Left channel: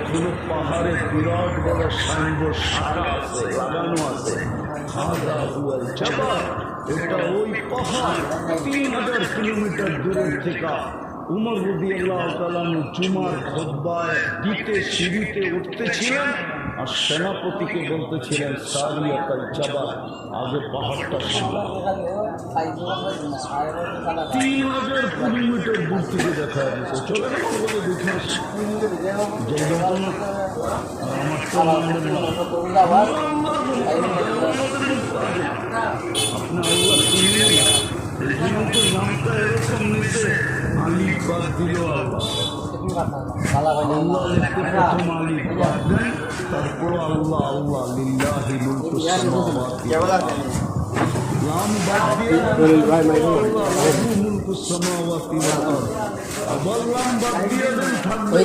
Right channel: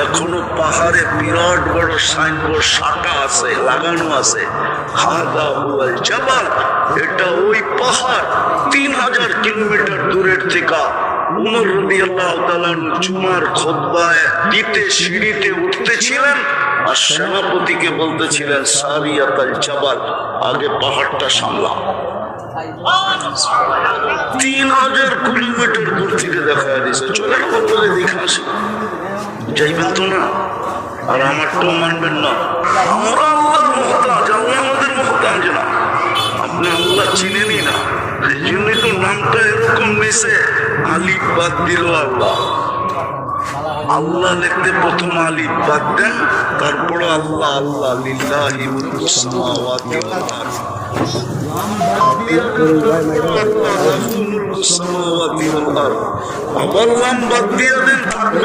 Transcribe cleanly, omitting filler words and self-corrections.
এখনো পাহাড়ে বিরাট বড় সাইনবোর্ড সাঁটা আছে, লাগানো আছে, হাদা হুয়াল জাবাল। এটা ওই পাহাড় 3000 কিলোমিটার দূরের থেকে উমর রাদিয়াল্লাহু তাআলা জুমার খুতবায় দিতে সিঁড়িতে উঠতেছিলেন আর সেনাপতিকে বলতেছিলেন সারিয়াতাল জাবাল, আগে পাহাড়টা সামলাও। 3000 কিলোমিটার দূর থেকে দেখা দিচ্ছে, চলে করে দেখে আসে। যাইবেন তো না, আর আমার তো মানবেন না, আমরা আমাদের মহতাজ না, আপনি আল্লাহ চিনেনই না, এই জন্যই তো নামটা এরকম হয়েছে, আলী বাদ দিল আল্লাহ। আল্লাহ লিখতে প্রথম আলী বাদ দেন, তারপর আল্লাহ। আল্লাহ লিল্লাহি মুলকুস সামাওয়াতি ওয়াল আরদ, নাম বাদ দিয়ে মুলকুস সামাওয়াতি ওয়াল আরদ, আমার নাম বাদ দিয়ে থাকবে।